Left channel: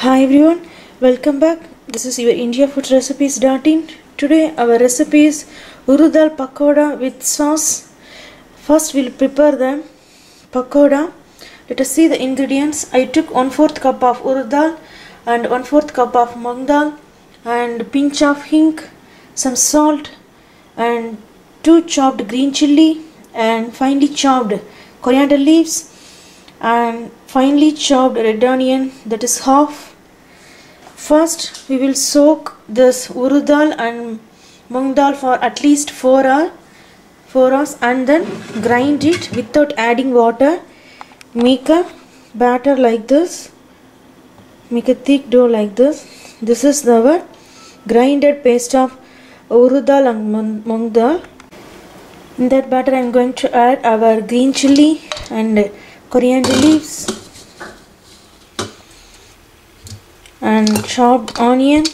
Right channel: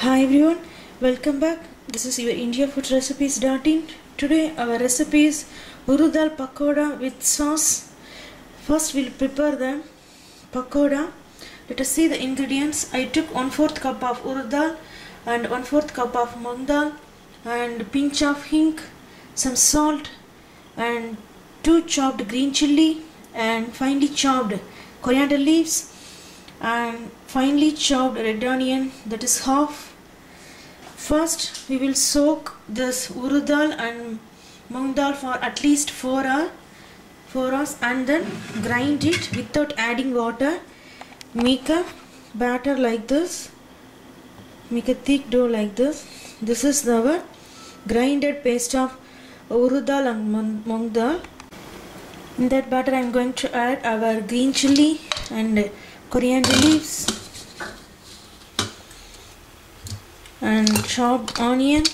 Hi everyone, welcome back. This is your India Food Recipes.in. Today our recipe is Urdu Dal Pakoda with sauce. First we'll prepare the pakoda. Let us see the ingredients. I took 1/4 cup of Urdu Dal and 1/4 cup of Mung Dal and pinch of hing, some salt and 2 chopped green chilli and finely chopped coriander leaves and finely chopped red onion, that is half. First we will soak this urdu dal and mung dal for at least 4 hours and then grind it without adding water. Make a batter like this, make a thick dough like this. This is our grinded paste of urdu dal and mung dal. In that batter I am going to add our green chilli and coriander leaves and chopped onion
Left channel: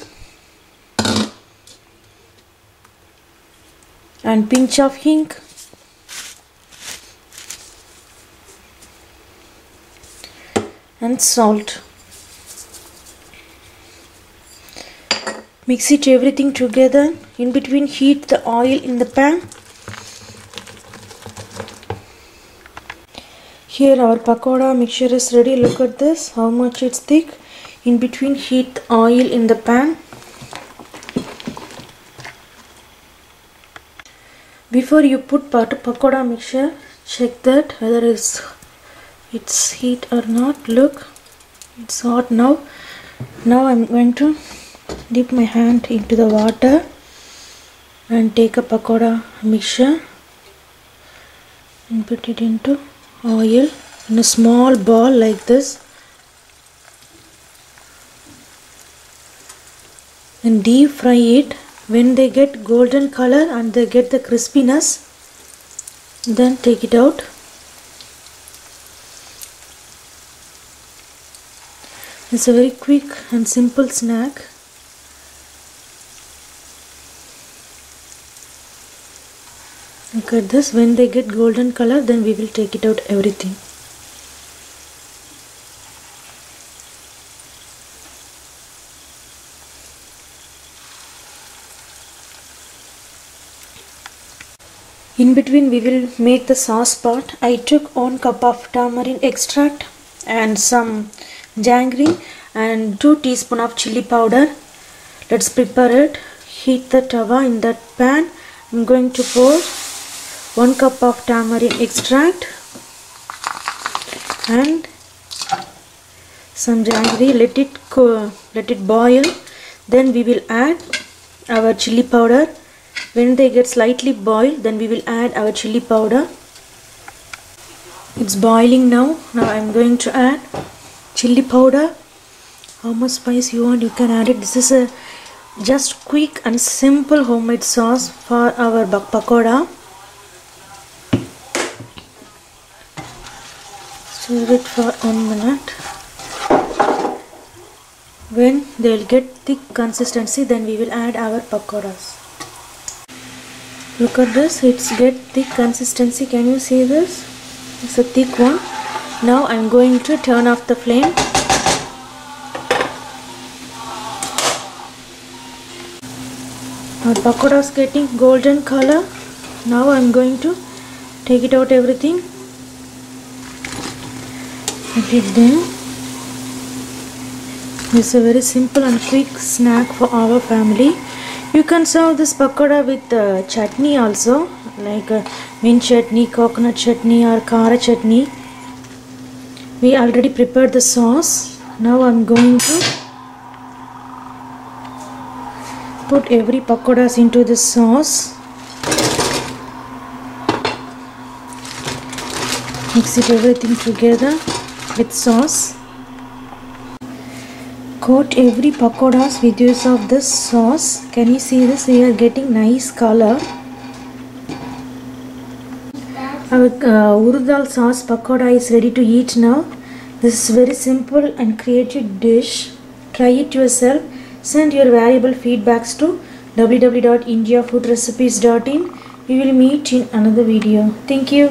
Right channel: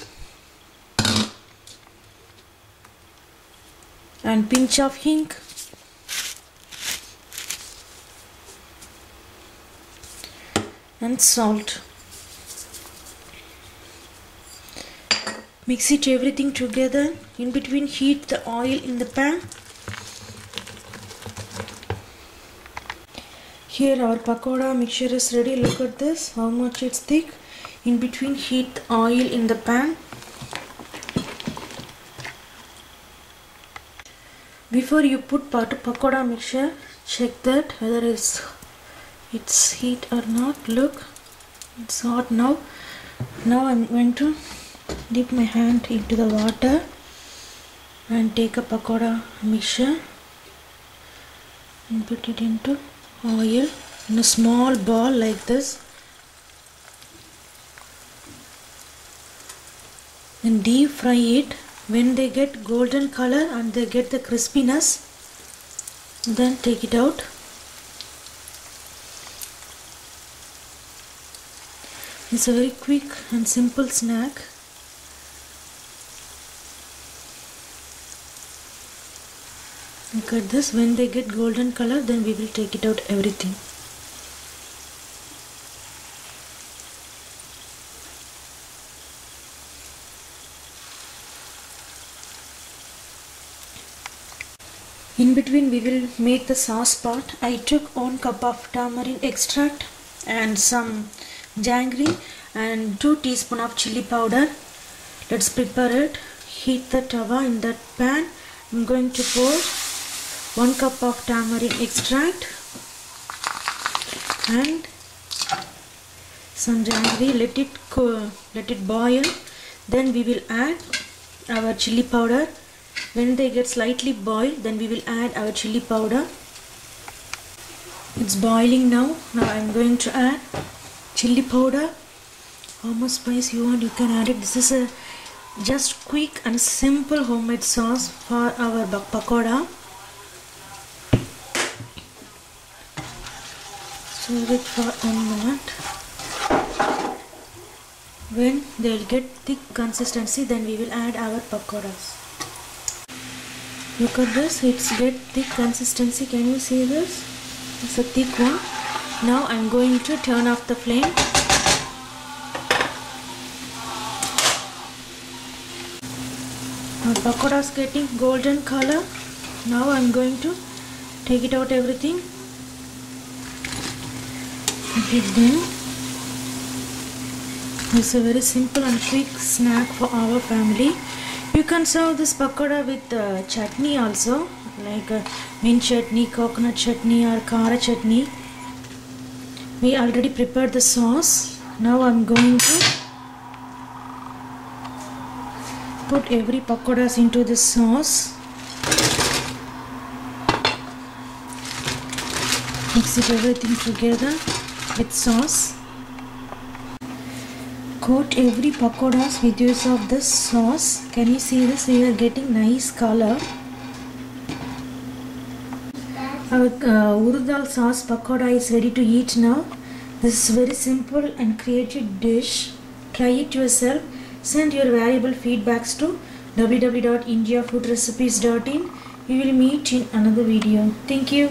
and pinch of hing and salt. Mix it everything together. In between heat the oil in the pan. Here our pakoda mixture is ready. Look at this, how much it's thick. In between heat the oil in the pan. Before you put pakoda mixture, check that whether it's heat or not. Look, it's hot now. Now I'm going to dip my hand into the water and take a pakoda mixture and put it into oil in a small ball like this, and deep fry it. When they get golden color and they get the crispiness, then take it out. It's a very quick and simple snack. Look at this, when they get golden color, then we will take it out everything. In between we will make the sauce part. I took 1 cup of tamarind extract and some jaggery and 2 teaspoons of chili powder. Let's prepare it. Heat the tawa in that pan. I'm going to pour 1 cup of tamarind extract and some jaggery. Let it boil. Then we will add our chili powder. When they get slightly boiled, then we will add our chili powder. It's boiling now. Now I am going to add chili powder. How much spice you want, you can add it. This is a just quick and simple homemade sauce for our pakoda. Stir it for 1 minute. When they will get thick consistency, then we will add our pakodas. Look at this, it's get thick consistency. Can you see this? It's a thick one. Now I'm going to turn off the flame. Our pakoda is getting golden color. Now I'm going to take it out everything. Put it there. It's a very simple and quick snack for our family. You can serve this pakoda with chutney also, like mint chutney, coconut chutney or kara chutney. We already prepared the sauce. Now I'm going to put every pakodas into this sauce. Mix it everything together with sauce. Coat every pakodas with use of this sauce. Can you see this? We are getting nice color. Our urdu dal sauce pakoda is ready to eat now. This is very simple and creative dish. Try it yourself. Send your valuable feedbacks to www.indiafoodrecipes.in. We will meet in another video. Thank you.